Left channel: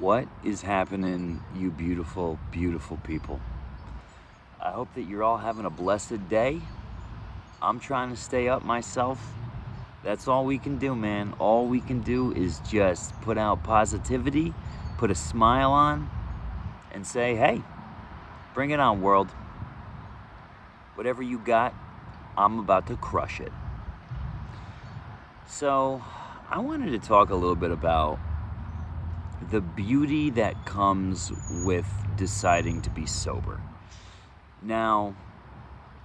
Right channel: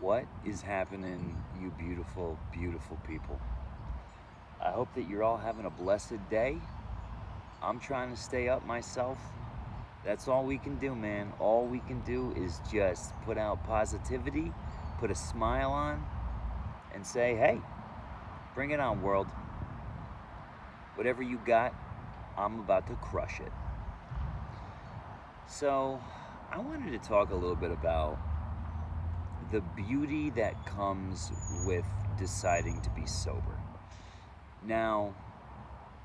What is happening, you beautiful, beautiful people? I hope that you're all having a blessed day. I'm trying to stay up myself. That's all we can do, man. All we can do is just put out positivity, put a smile on, and say, hey, bring it on, world. Whatever you got, I'm about to crush it. So, I wanted to talk a little bit about the beauty that comes with deciding to be sober. Now,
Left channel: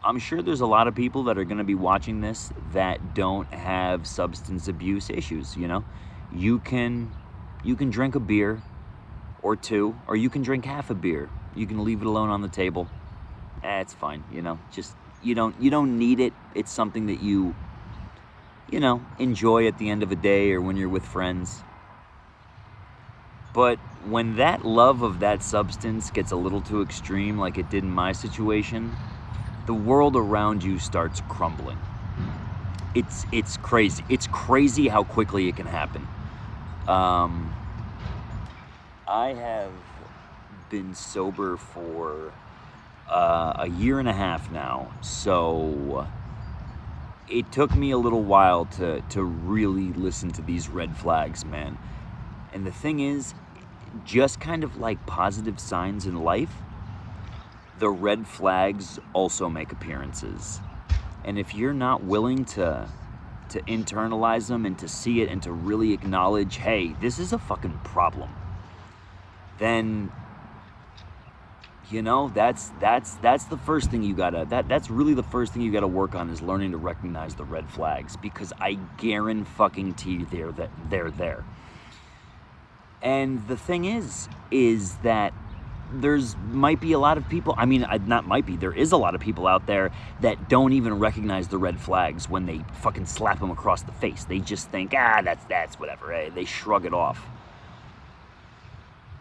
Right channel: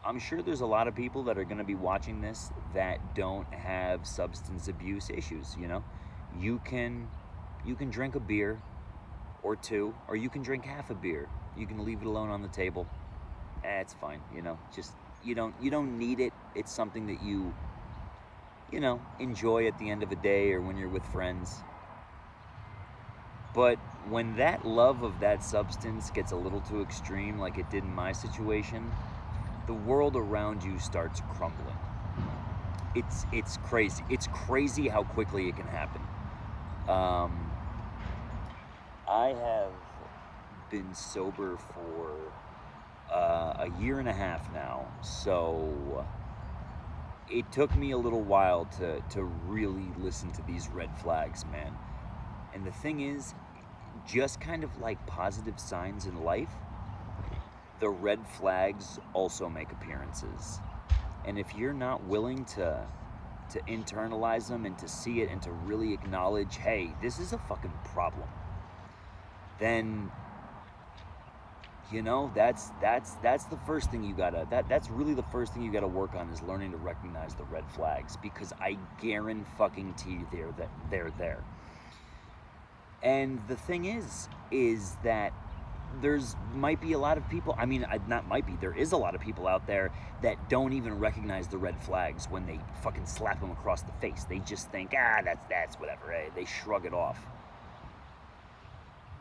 I'm sure there's a lot of people that are going to be watching this that don't have substance abuse issues, you know? You can drink a beer or two, or you can drink half a beer. You can leave it alone on the table. It's fine, you know? Just you don't need it. It's something that you enjoy at the end of a day or when you're with friends. But when that love of that substance gets a little too extreme, like it did in my situation, the world around you starts crumbling. It's crazy. It's crazy how quickly it can happen. I have been sober for a year and a half now, so it took me a little while to really listen to these red flags, man. And the thing is, just kind of like positive signs in life, the red flags also make appearances. And if you're not willing to internalize them and to see it and to really acknowledge, hey, this is a fucking problem, then that's the first thing you gotta, that's really the first thing you gotta work on, is learning to recognize the red flags, because I guarantee they're there. And the thing is that might be a lot of people, there is a lot of people out there that don't even recognize the red flags when they fucking slap them across the face. They just think, that's whatever, eh? They shrug it off.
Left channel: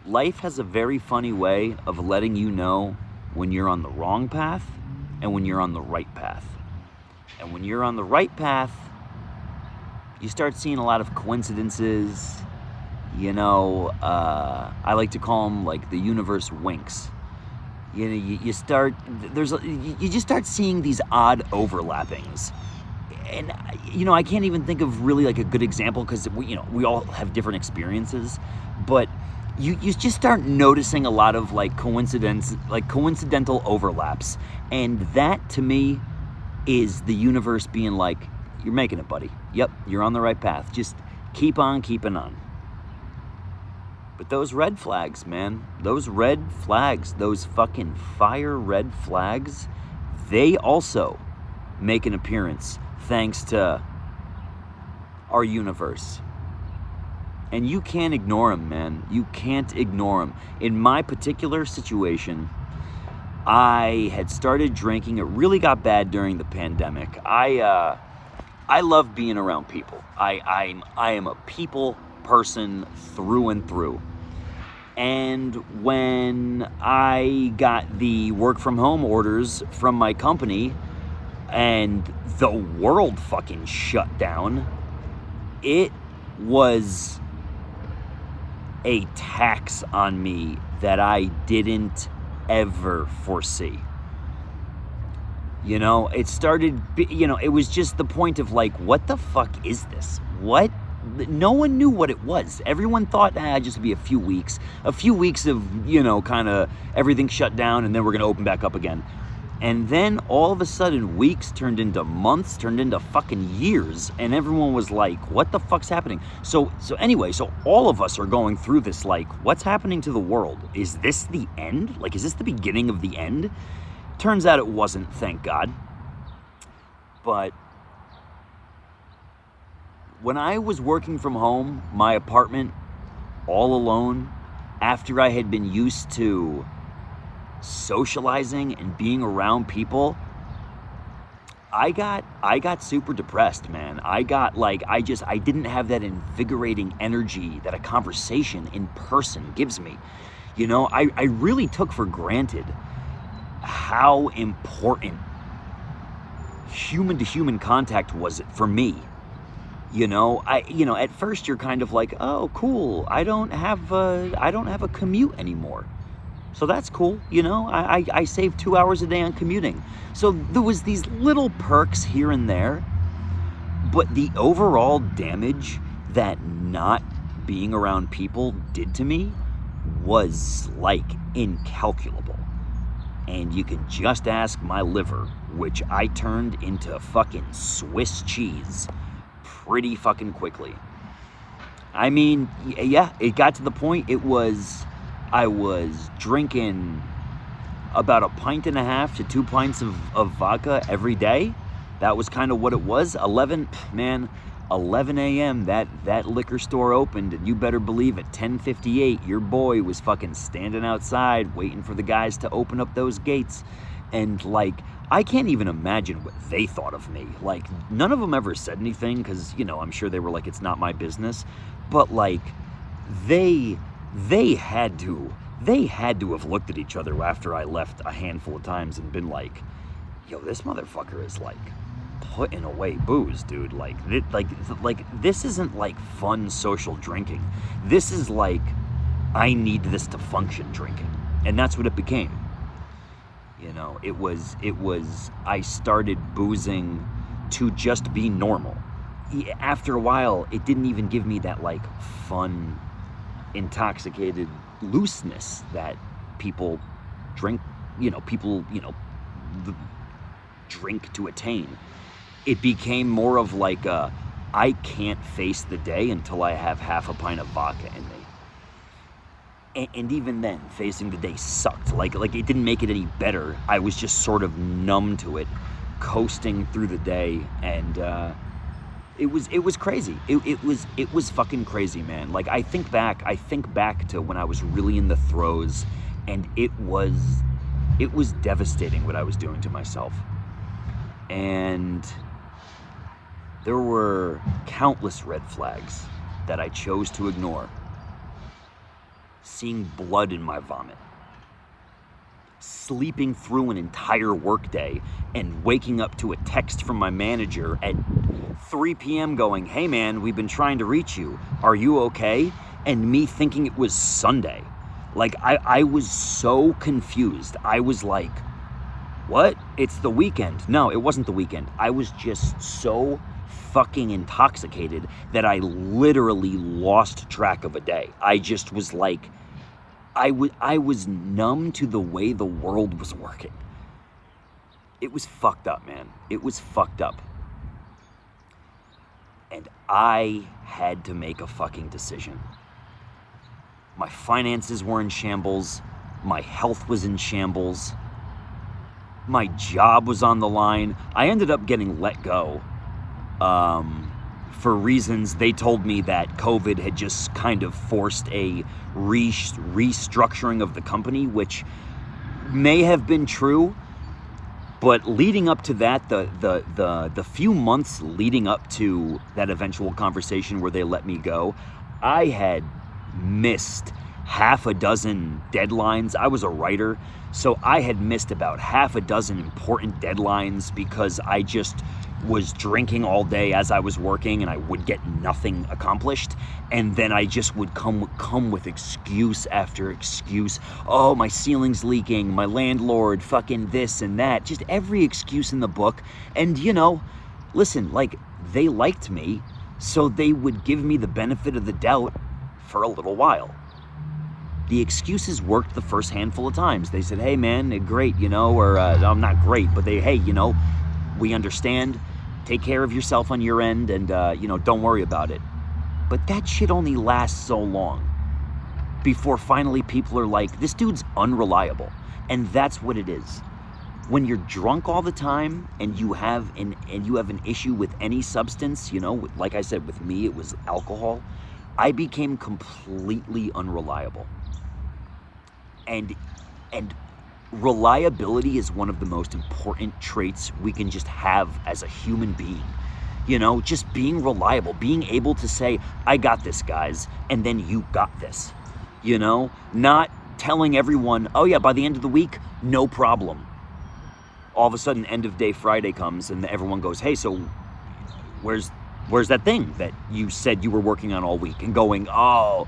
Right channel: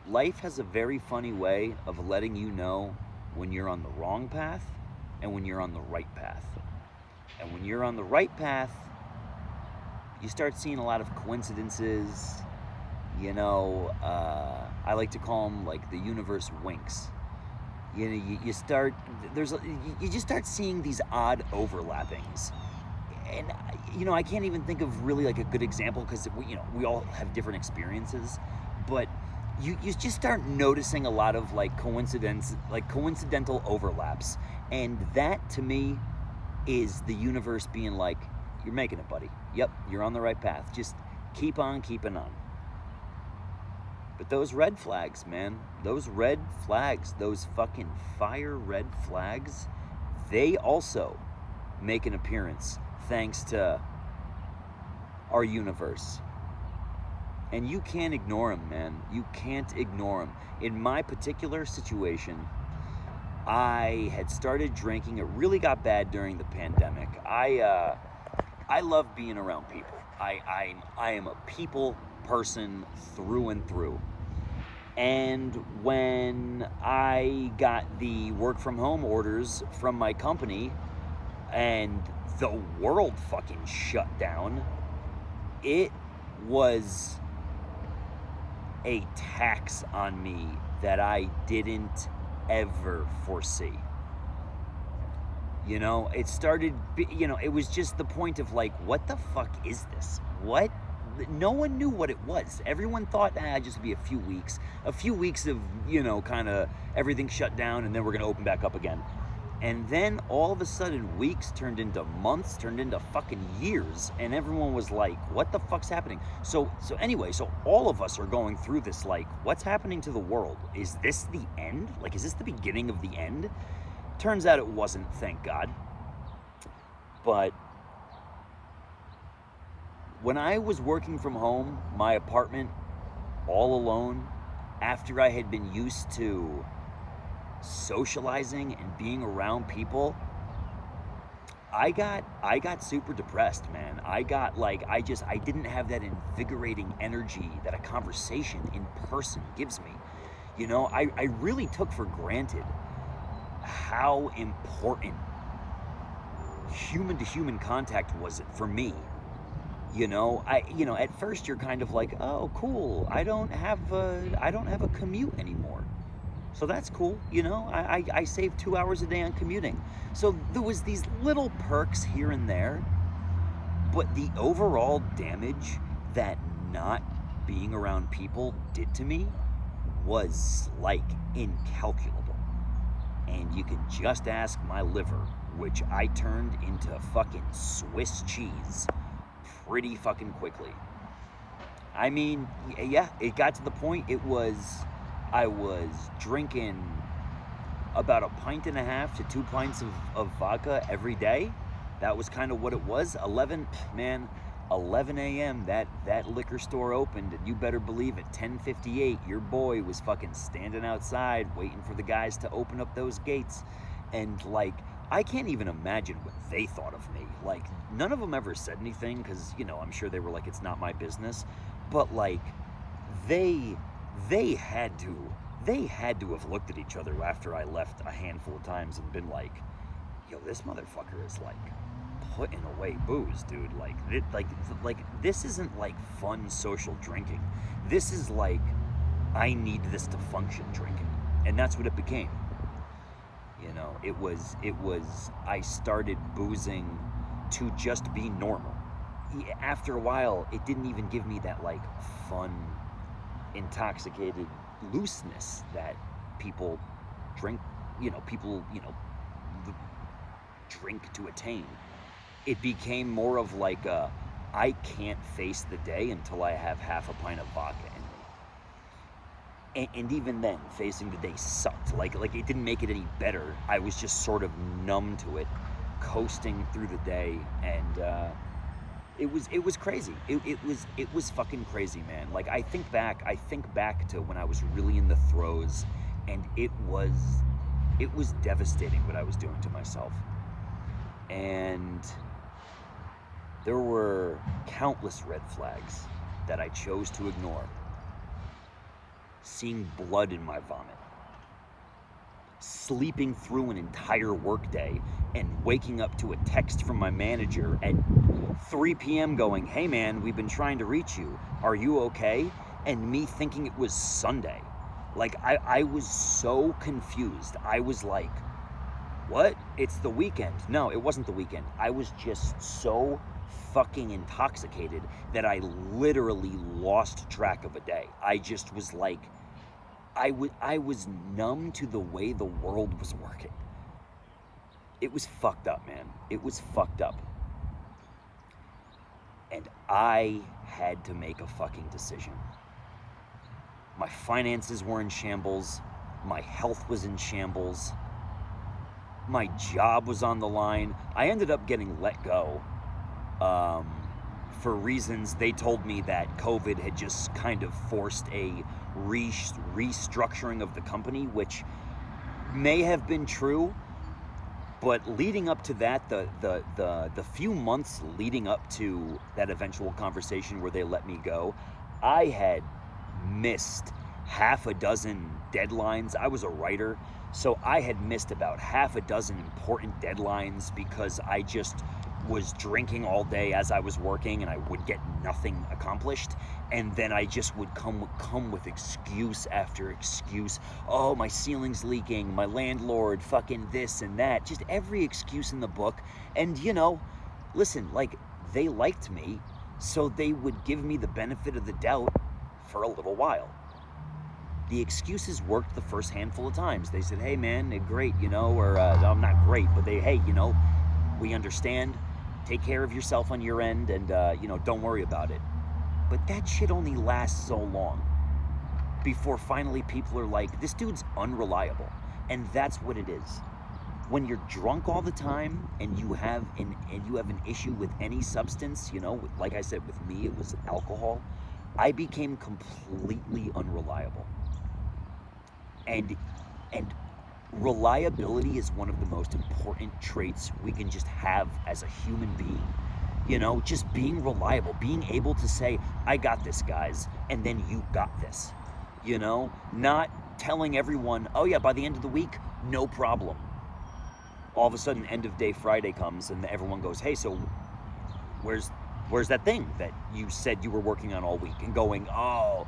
Life has a very funny way of letting you know when you're on the wrong path and when you're on the right path. And when you're on the right path, you start seeing a lot of coincidences. I like to call them like the universe winks. You just start seeing these odd overlappings. And I can't even think of really like a good example, because we all have different experiences, but you just start noticing a lot of like coincidental overlaps. And that, to me, is the universe being like, you're making it, buddy. Yep, you're on the right path. Just keep on keeping on. But those red flags, man, those red flags, those fucking fire red flags, they also make an appearance thanks to our universe. And you can't ignore them, man. You can't ignore them. In my particular situation, I had started drinking. It really got bad during the pandemic. I love being around people. I am a people person through and through. And when I got the work from home orders from my company and the world fucking shut down, it was a tax on me that I didn't ever foresee. It started, it was just the point of like, what the fuck is this? What? No one knew what it was. Everyone thought, just be a few weeks of, kind of everything shut down, and then we're going to open back up again. And then all of a sudden, weeks turned into months, turned into fucking years, and everyone was like, what the fuck's happening? So anyway, all of us are going through this, like, what's happening to the world? Is this the end? Like, is this the beginning of the end? Turns out it wasn't, thank God. But when I was working from home, my apartment, all alone, after I had been used to socializing and being around people, I got super depressed, man. I didn't have that invigorating energy that a conversation in person gives me. I really took for granted how important human to human contact was for me. At first you're kind of like, oh, cool. I don't have a commute anymore. So that's cool. I save 2 hours a day on commuting. So there was these little perks here and there, but the overall damage that not being around people did to me was like incalculable. And you can just ask my liver, which I turned into fucking Swiss cheese pretty fucking quickly. I mean, yeah, it got to the point I was drinking about 1.5 to 2 pints of vodka every day. That was kind of what it was. 11 a.m. that liquor store opened, and you better believe at 10:58 your boy was fucking standing outside waiting for the guys to open up those gates. And like, I can't even imagine what they thought of me. Like, none of them ever said anything because, I'm sure they were like, it's not my business. But like, they had to have looked at each other after I left a handful of times and been like, yo, this motherfucker is like putting away booze, dude. Like this isn't like fun social drinking. This is like, I need this to function drinking. And that's what it became. It was, I started boozing to just be normal. After a while, it didn't even give me that like fun, intoxicated looseness that people drink, drink to attain. It became more of like I can't face the day until I have half a pint of vodka in me. And even then, facing the day sucked. Like it didn't make it any better. I was just sort of numb to it, coasting through the day, and it was crazy. It was fucking crazy, man. Like I think back to when I was really in the throes, and it was devastating what I was doing to myself. And there were countless red flags that I chose to ignore. Seeing blood in my vomit, sleeping through an entire workday and waking up to a text from my manager at 3 p.m. going, hey man, we've been trying to reach you. Are you okay? And me thinking it was Sunday. Like I was so confused. I was like, what? It's the weekend. No, it wasn't the weekend. I was just so fucking intoxicated that I literally lost track of a day. I just was like, I was numb to the way the world was working. It was fucked up, man. It was fucked up. And I had to make a fucking decision. My finances were in shambles. My health was in shambles. My job was on the line. I ended up getting let go for reasons they told me that COVID had just kind of forced a restructuring of the company, which may have been true. But leading up to that, the few months leading up to that eventual conversation where they let me go, I had missed half a dozen deadlines. I was a writer, so I had missed about half a dozen important deadlines because I just was drinking all day as I was working and I would get nothing accomplished. And then I just would come with excuse after excuse. Oh, my ceiling's leaking, my landlord, fucking this and that. Just every excuse in the book. And listen, like, they liked me, so they would give me the benefit of the doubt for a little while. The excuses worked the first handful of times. They said, hey man, great, or I'm not great, but hey, we understand. Take care of yourself on your end and, don't worry about it. But that shit only lasts so long before finally people are like, this dude's unreliable. And that's what it is. When you're drunk all the time and you have an issue with any substance, like I said, with me, it was alcohol, I became completely unreliable. And reliability is one of the most important traits we can just have as a human being. Just being reliable, being able to say, I got this, guys, and then you got this. Not telling everyone, oh yeah, by the end of the week, no problem. All of a sudden, end of day Friday comes and everyone goes, hey, so where's Where's that thing that you said you were working on all week and going, oh,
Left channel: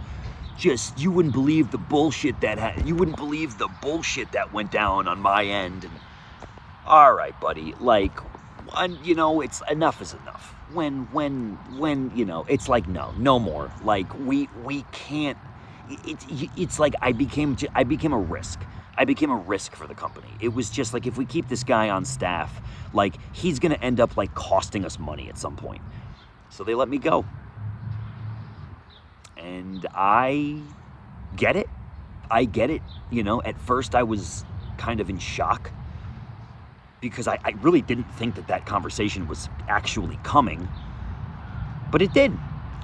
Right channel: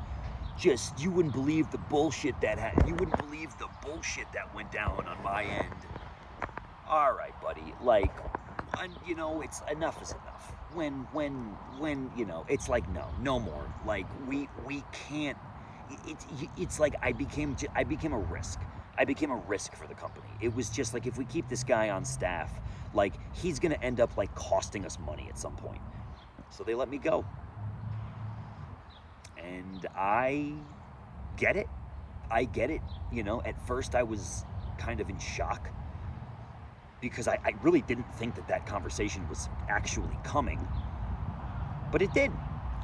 just, you wouldn't believe the bullshit that you wouldn't believe the bullshit that went down on my end. And, all right, buddy, like, you know, it's enough is enough. When, you know, it's like, no more. Like, we can't, it's like I became a risk. I became a risk for the company. It was just like, if we keep this guy on staff, like, he's gonna end up like costing us money at some point. So they let me go. And I get it. You know, at first I was kind of in shock because I really didn't think that conversation was actually coming, but it did.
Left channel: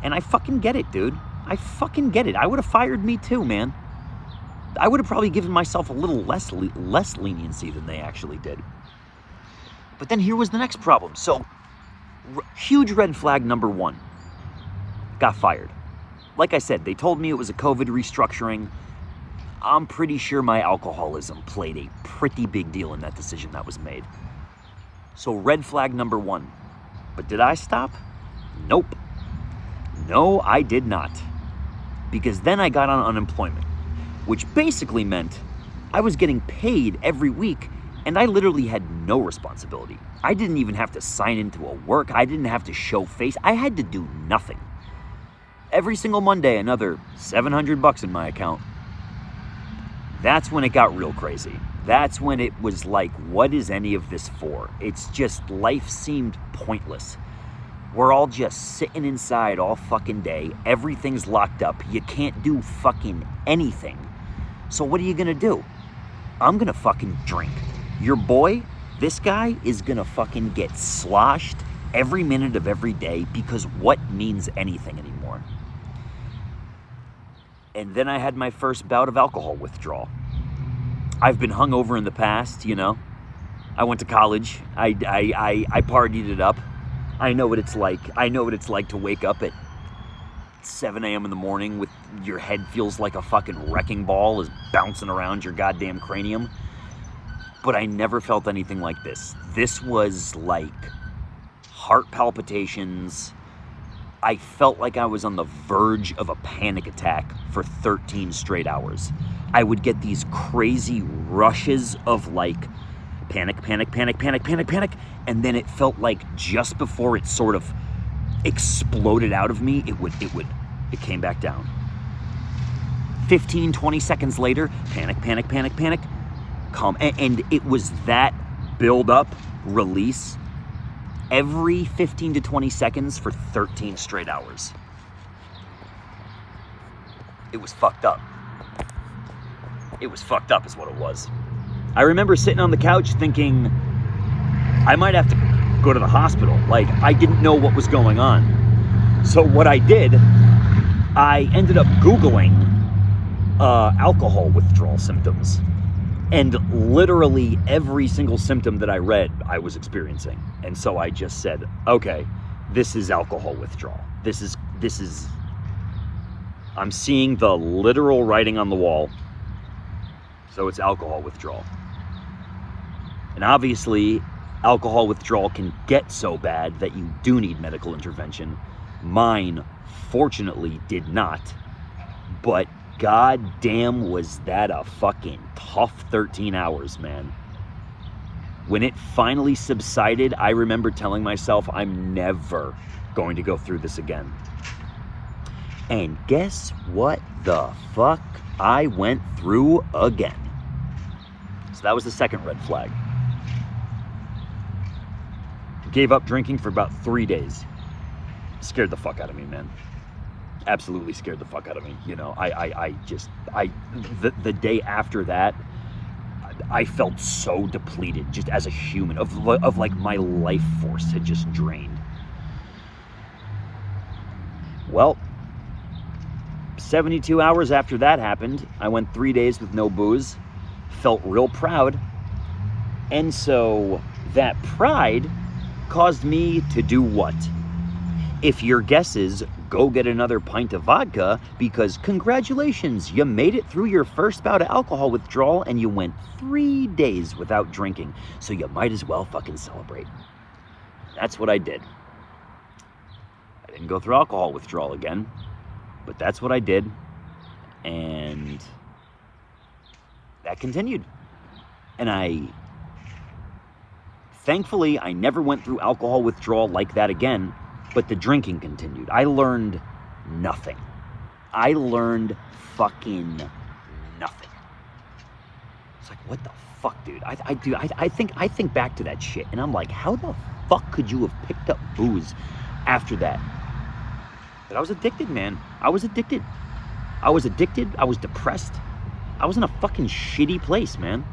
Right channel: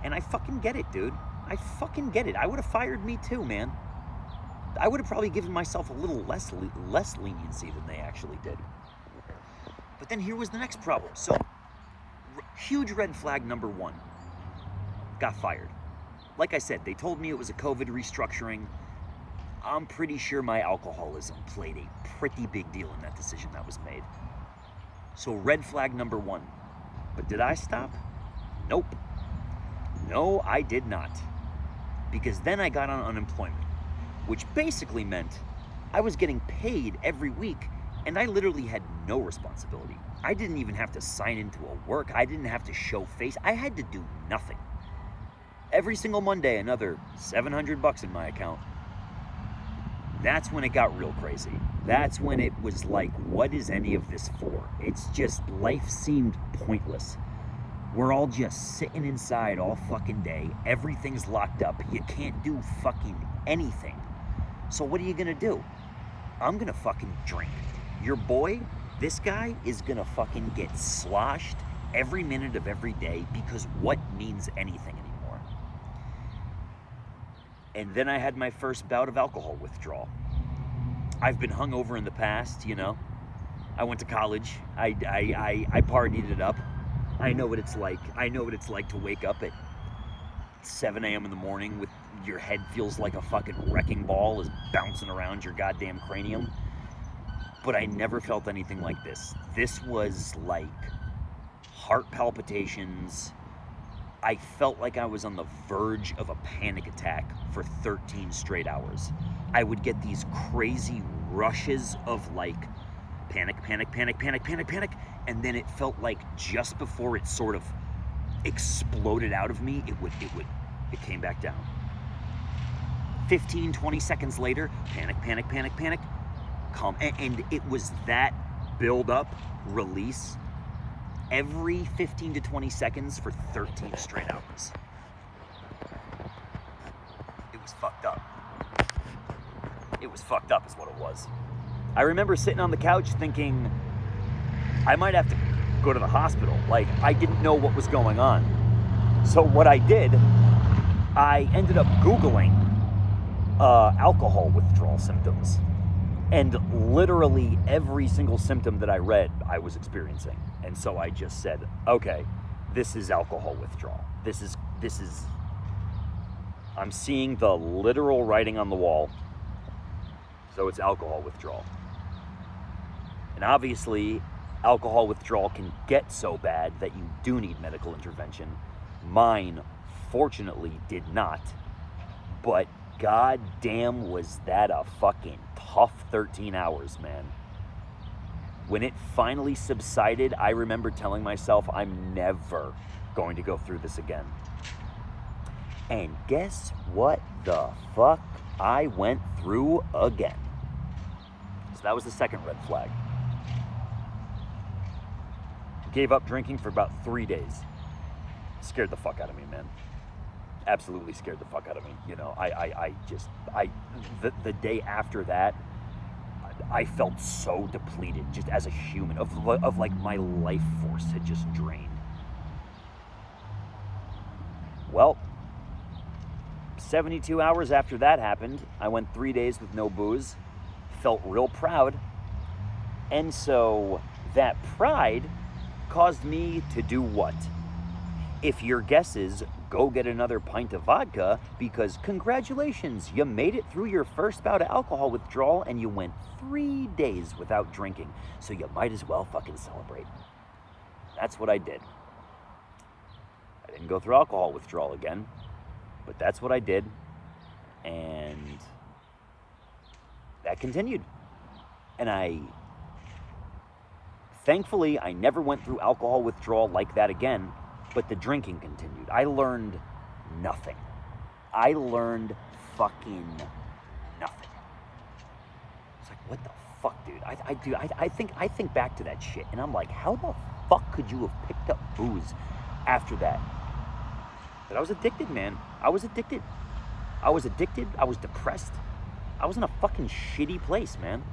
And I fucking get it, dude. I fucking get it. I would have fired me too, man. I would have probably given myself a little less leniency than they actually did. But then here was the next problem. So, huge red flag number one. Got fired. Like I said, they told me it was a COVID restructuring. I'm pretty sure my alcoholism played a pretty big deal in that decision that was made. So red flag number one. But did I stop? Nope. No, I did not. Because then I got on unemployment, which basically meant I was getting paid every week and I literally had no responsibility. I didn't even have to sign into a work. I didn't have to show face. I had to do nothing. Every single Monday, another $700 in my account. That's when it got real crazy. That's when it was like, what is any of this for? It's just, life seemed pointless. We're all just sitting inside all fucking day. Everything's locked up. You can't do fucking anything. So what are you gonna do? I'm gonna fucking drink. Your boy, this guy, is gonna fucking get sloshed every minute of every day, because what means anything anymore? And then I had my first bout of alcohol withdrawal. I've been hungover in the past, you know. I went to college. I partied it up. I know what it's like. I know what it's like to wake up at 7 a.m. in the morning with your head feels like a fucking wrecking ball is bouncing around your goddamn cranium. But I never felt anything like this. This was like heart palpitations. I felt like I was on the verge of a panic attack for 13 straight hours. I would get these crazy rushes of like panic, and then it felt like just before it sort of exploded out of me, it came back down. 15, 20 seconds later, panic, calm. And it was that build up, release, every 15 to 20 seconds for 13 straight hours. It was fucked up. It was fucked up is what it was. I remember sitting on the couch thinking, I might have to go to the hospital. Like, I didn't know what was going on. So what I did, I ended up Googling alcohol withdrawal symptoms. And literally every single symptom that I read, I was experiencing. And so I just said, okay, this is alcohol withdrawal. This is, I'm seeing the literal writing on the wall. So it's alcohol withdrawal. And obviously, alcohol withdrawal can get so bad that you do need medical intervention. Mine, fortunately, did not. But goddamn, was that a fucking tough 13 hours, man. When it finally subsided, I remember telling myself, I'm never going to go through this again. And guess what the fuck I went through again? So that was the second red flag. Gave up drinking for about 3 days. Scared the fuck out of me, man. Absolutely scared the fuck out of me. You know, the day after that, I felt so depleted just as a human, of like my life force had just drained. Well, 72 hours after that happened, I went 3 days with no booze, felt real proud. And so that pride caused me to do what? If your guess is, go get another pint of vodka, because congratulations, you made it through your first bout of alcohol withdrawal and you went 3 days without drinking. So you might as well fucking celebrate. That's what I did. didn't go through alcohol withdrawal again, but that's what I did, and that continued. And thankfully, I never went through alcohol withdrawal like that again, but the drinking continued. I learned nothing. I learned fucking nothing. It's like, what the fuck, dude? I think back to that shit, and I'm like, how the fuck could you have picked up booze after that? But I was addicted, man. I was addicted. I was depressed. I was in a fucking shitty place, man.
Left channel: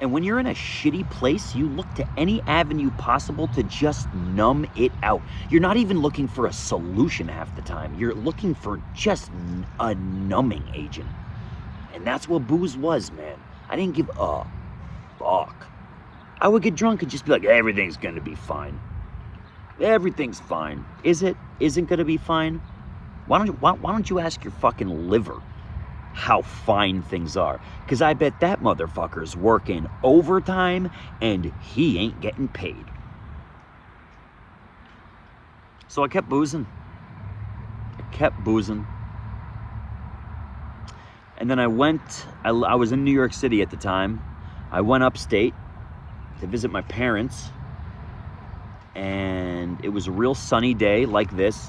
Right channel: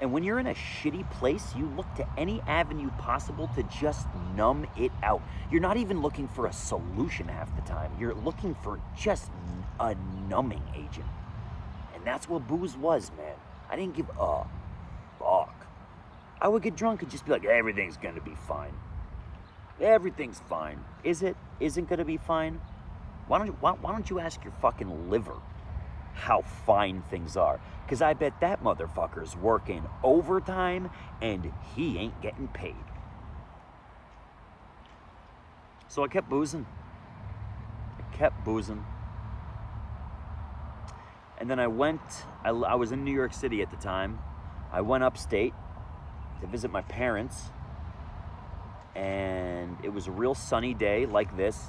And when you're in a shitty place, you look to any avenue possible to just numb it out. You're not even looking for a solution half the time. You're looking for just a numbing agent. And that's what booze was, man. I didn't give a fuck. I would get drunk and just be like, everything's gonna be fine. Everything's fine. Is it? Isn't gonna be fine? Why don't you ask your fucking liver how fine things are? Because I bet that motherfucker's working overtime and he ain't getting paid. So I kept boozing. And then I was in New York City at the time. I went upstate to visit my parents. And it was a real sunny day like this.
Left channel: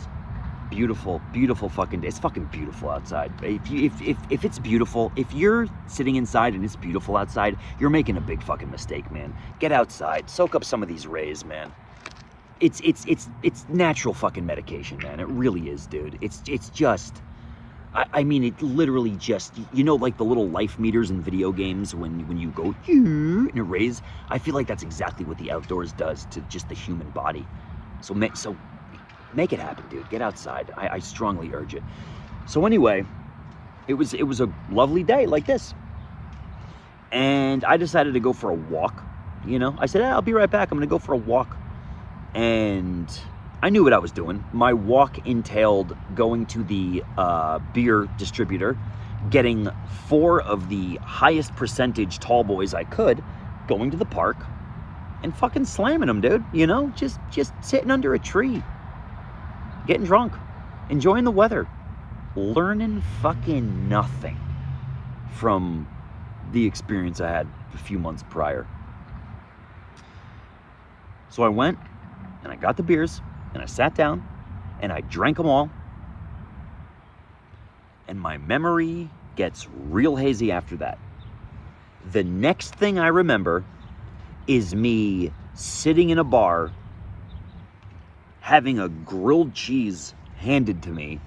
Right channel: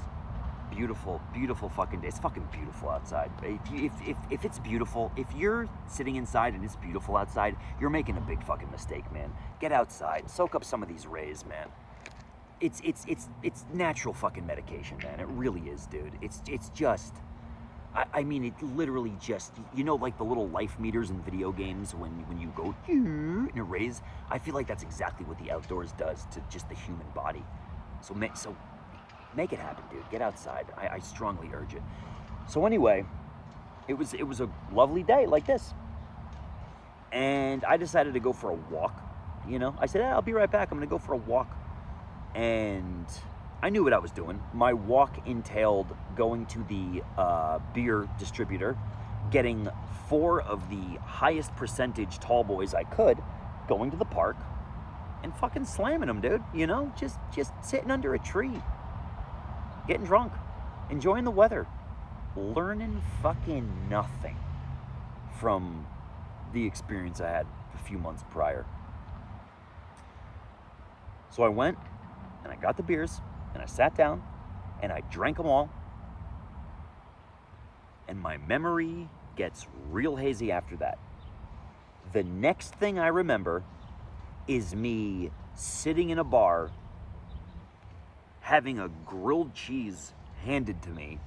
Beautiful, beautiful fucking day. It's fucking beautiful outside. If it's beautiful, if you're sitting inside and it's beautiful outside, you're making a big fucking mistake, man. Get outside, soak up some of these rays, man. It's natural fucking medication, man. It really is, dude. It's just, I mean, it literally just, you know, like the little life meters in video games when you go and it rays. I feel like that's exactly what the outdoors does to just the human body. So make it happen, dude. Get outside. I strongly urge it. So anyway, it was a lovely day like this. And I decided to go for a walk, you know. I said, I'll be right back. I'm going to go for a walk. And I knew what I was doing. My walk entailed going to the beer distributor, getting 4 of the highest percentage tall boys I could, going to the park, and fucking slamming them, dude. You know, just sitting under a tree, getting drunk, enjoying the weather, learning fucking nothing from the experience I had a few months prior. So I went and I got the beers and I sat down and I drank them all. And my memory gets real hazy after that. The next thing I remember is me sitting in a bar having a grilled cheese handed to me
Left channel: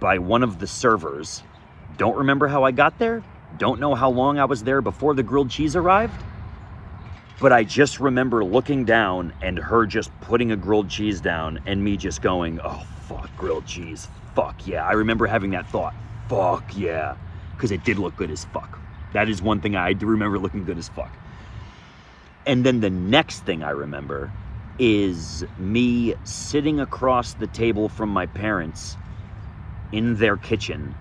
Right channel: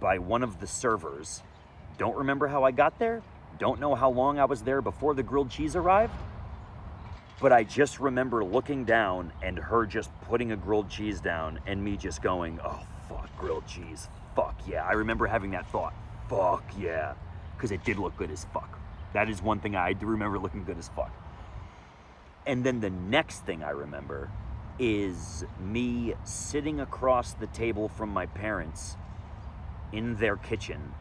by one of the servers. Don't remember how I got there. Don't know how long I was there before the grilled cheese arrived. But I just remember looking down and her just putting a grilled cheese down and me just going, oh, fuck, grilled cheese. Fuck yeah. I remember having that thought. Fuck yeah. Because it did look good as fuck. That is one thing I do remember looking good as fuck. And then the next thing I remember is me sitting across the table from my parents in their kitchen.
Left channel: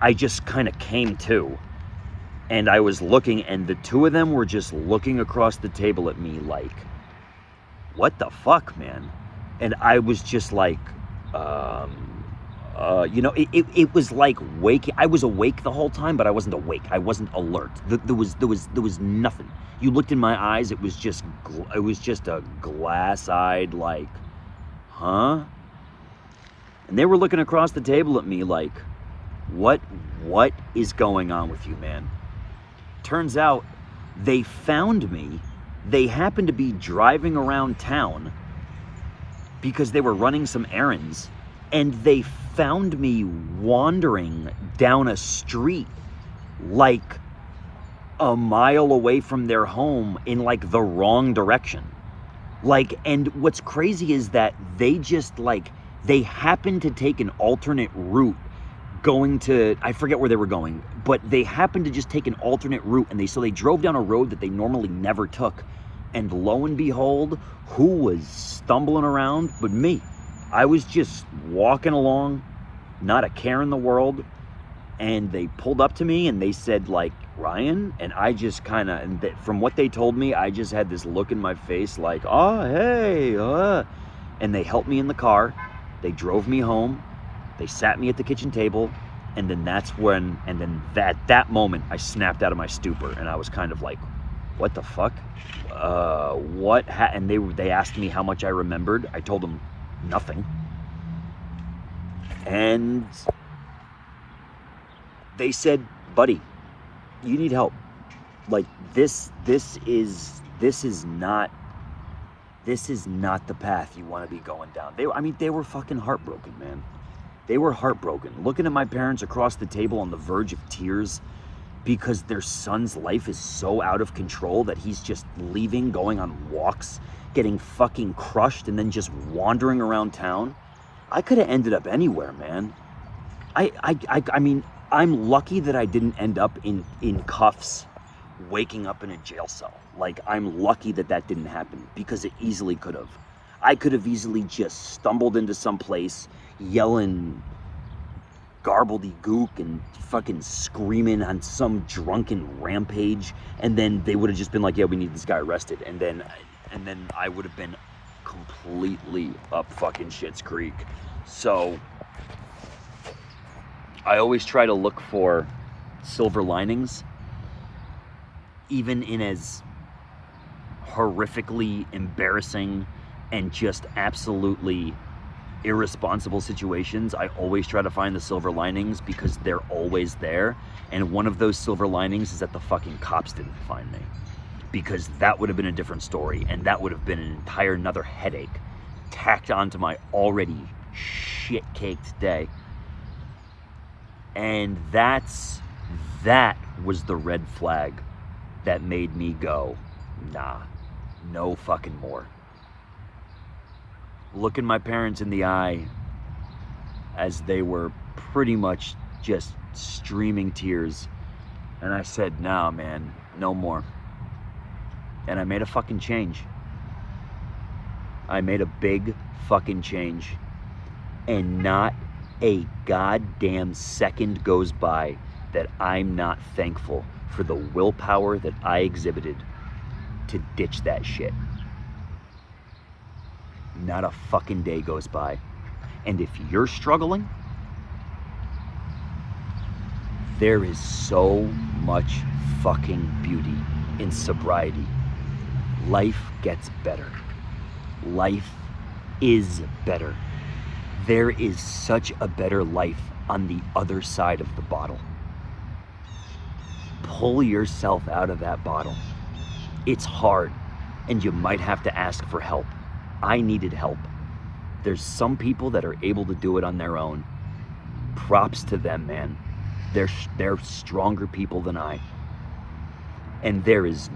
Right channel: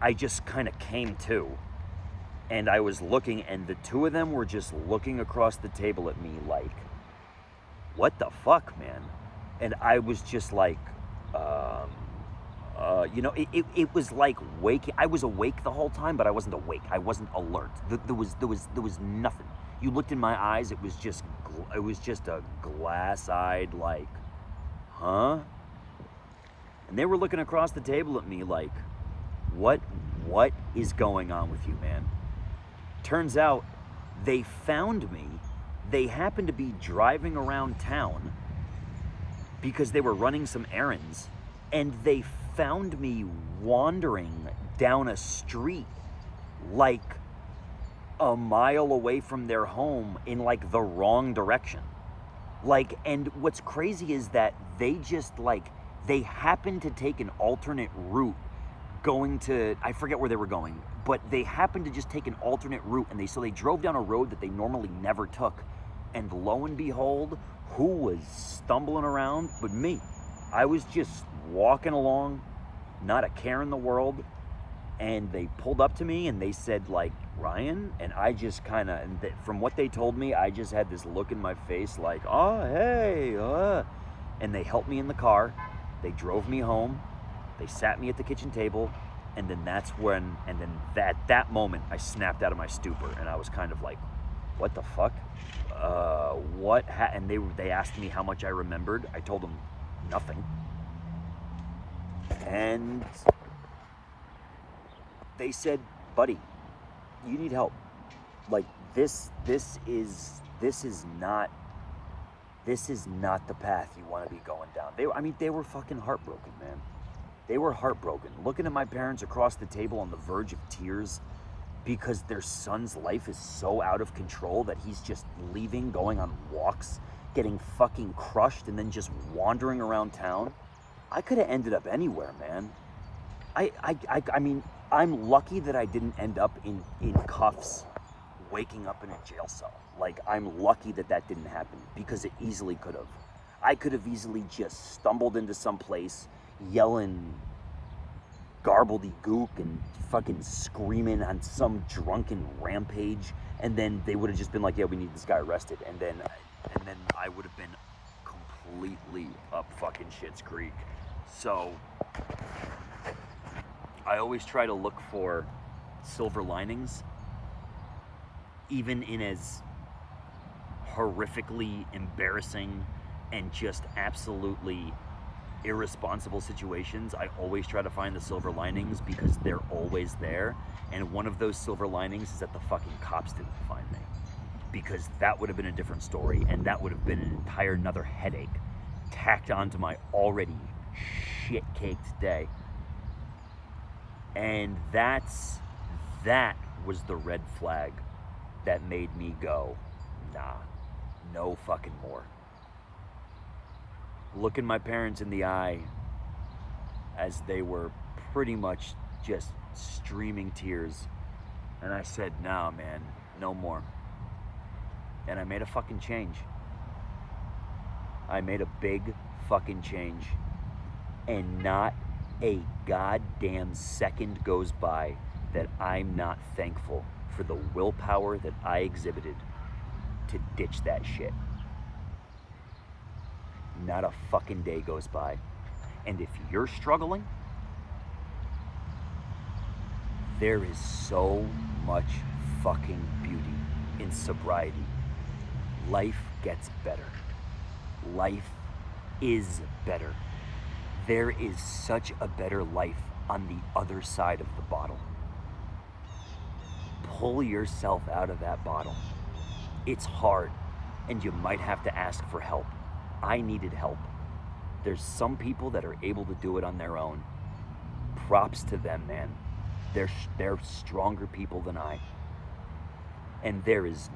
I just kind of came to, and I was looking, and the two of them were just looking across the table at me like, what the fuck, man? And I was just like, you know, it was like waking. I was awake the whole time, but I wasn't awake. I wasn't alert. There was nothing. You looked in my eyes. It was just a glass-eyed like, huh? And they were looking across the table at me like, what is going on with you, man? Turns out they found me. They happened to be driving around town because they were running some errands, and they found me wandering down a street like a mile away from their home in like the wrong direction. Like, and what's crazy is that they just like, they happened to take an alternate route going to, I forget where they were going, but they happened to just take an alternate route, and so they drove down a road that they normally never took. And lo and behold, who was stumbling around but me? I was just walking along, not a care in the world, and they pulled up to me and they said like, Ryan, and I just kind of, and from what they told me, I just had this look in my face like, oh, hey, and they helped me in the car, They drove me home. They sat me at the kitchen table. And then that moment, I snapped out of my stupor. And I was kind of like, what the fuck? And they asked me how much I remembered. I told them nothing. And they said, buddy, you need help. Like this is not the path you want to be going down. They were fucking heartbroken, man. They were heartbroken. Looking at my parents across the table on the verge of tears because their son's life is so out of control that he's just leaving, going on walks, getting fucking crushed, and then just wandering around town. I could have ended up anywhere, man. I mean, I'm lucky that I didn't end up in cuffs, waking up in a jail cell. Like, I'm lucky that didn't happen, because it easily could have. I could have easily just stumbled into some place, yelling garbledy-gook and fucking screaming on some drunken rampage, and then they would have just been like, yeah, we need this guy arrested, and then I would have been completely up fucking Shit's Creek. So I always try to look for silver linings, even in as horrifically embarrassing and just absolutely irresponsible situations. I always try to find the silver linings, because they're always there. And one of those silver linings is that the fucking cops didn't find me, because that would have been a different story, and that would have been an entire another headache tacked onto my already shit-caked day. And that was the red flag that made me go, nah, no fucking more. Looking my parents in the eye as they were pretty much just streaming tears, and I said, nah, man, no more. And I made a fucking change. I made a big fucking change. And not a goddamn second goes by that I'm not thankful for the willpower that I exhibited to ditch that shit. Not a fucking day goes by. And if you're struggling, there is so much fucking beauty in sobriety. Life gets better. Life is better. There is such a better life on the other side of the bottle. Pull yourself out of that bottle. It's hard, and you might have to ask for help. I needed help. There's some people that are able to do it on their own. Props to them, man. They're stronger people than I. And there is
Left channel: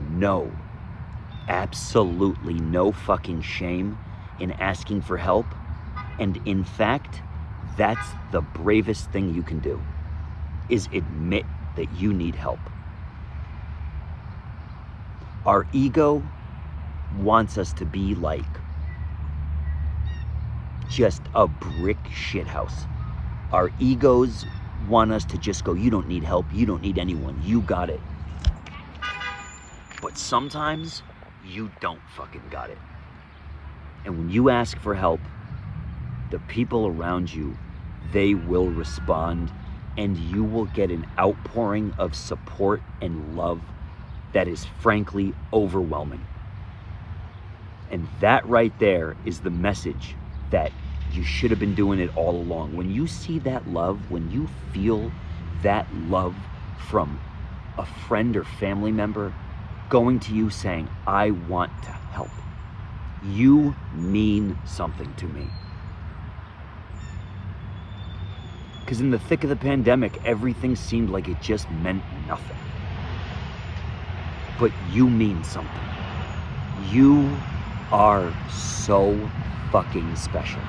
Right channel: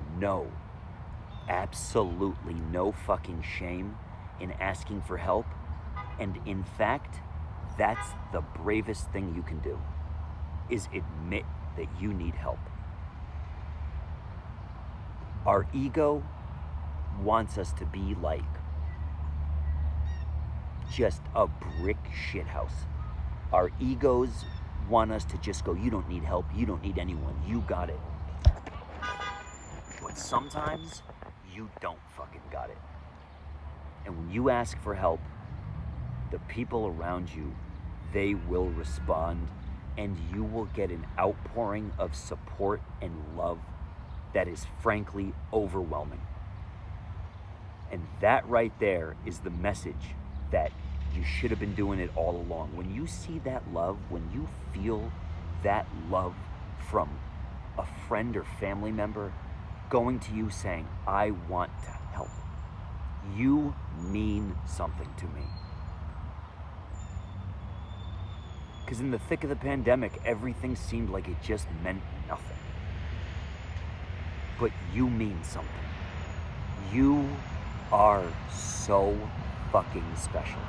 absolutely no fucking shame in asking for help. And in fact, that's the bravest thing you can do, is admit that you need help. Our ego wants us to be like just a brick shithouse. Our egos want us to just go, you don't need help, you don't need anyone, you got it. But sometimes you don't fucking got it. And when you ask for help, the people around you, they will respond, and you will get an outpouring of support and love that is frankly overwhelming. And that right there is the message that you should have been doing it all along. When you see that love, when you feel that love from a friend or family member going to you saying, I want to help, you mean something to me. Because in the thick of the pandemic, everything seemed like it just meant nothing. But you mean something. You are so fucking special.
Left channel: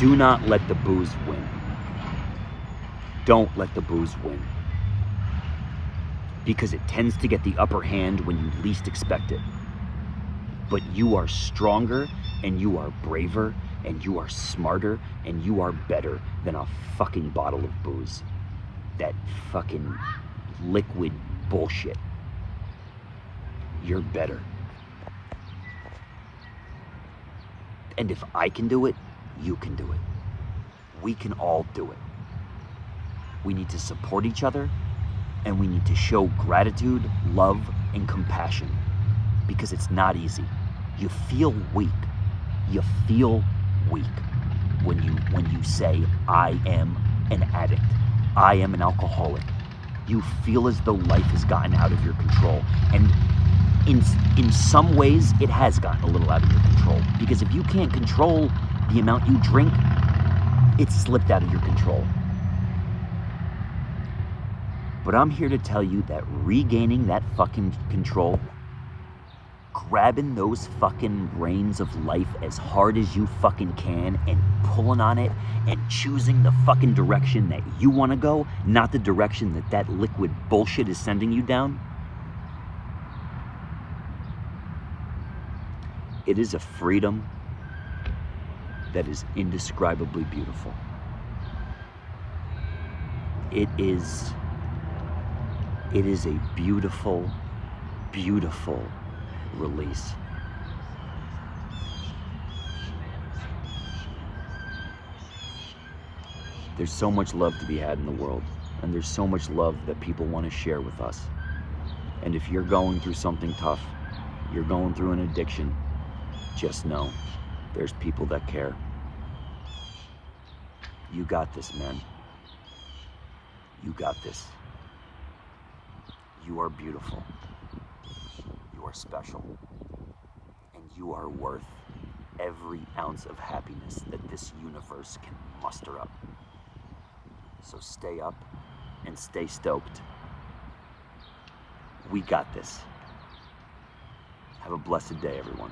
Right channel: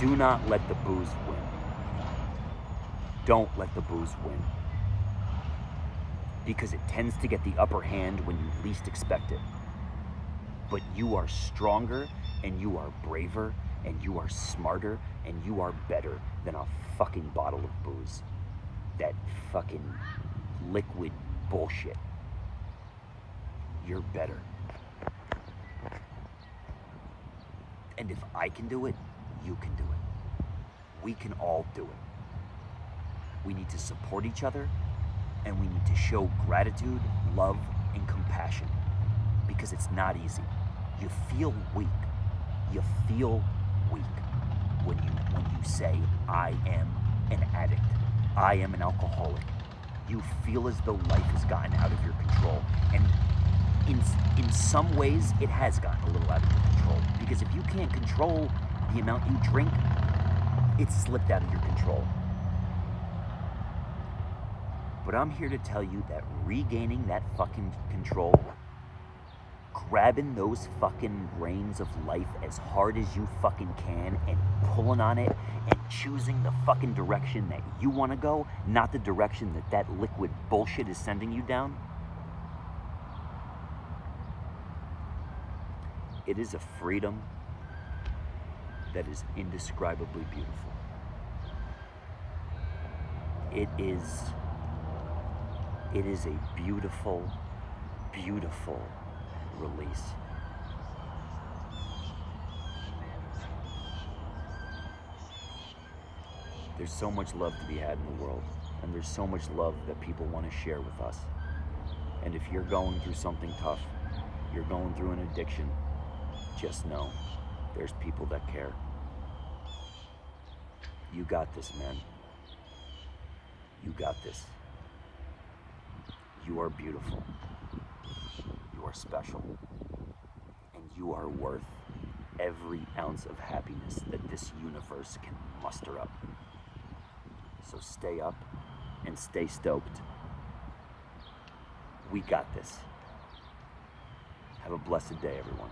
Do not let the booze win. Don't let the booze win. Because it tends to get the upper hand when you least expect it. But you are stronger, and you are braver, and you are smarter, and you are better than a fucking bottle of booze. That fucking liquid bullshit. You're better. And if I can do it, you can do it. We can all do it. We need to support each other, and we need to show gratitude, love, and compassion, because it's not easy. You feel weak. You feel weak when you say, I am an addict. I am an alcoholic. You feel as though life has gotten out of your control. And in some ways, it has gotten a little out of your control. Because if you can't control the amount you drink, it's slipped out of your control. But I'm here to tell you that regaining that fucking control, grabbing those fucking reins of life as hard as you fucking can and pulling on it and choosing the fucking direction that you want to go, not the direction that that liquid bullshit is sending you down, it is a freedom that is indescribably beautiful. It is a beautiful, beautiful release. There's so much love to be had in the world, and there's so much love that people want to share with us. And if you're going through something tough, you're going through an addiction, just know there's people that care. You got this, man. You got this. You are beautiful. You are special. And you are worth every ounce of happiness that this universe can muster up. So stay up and stay stoked. We got this. Have a blessed day, everyone.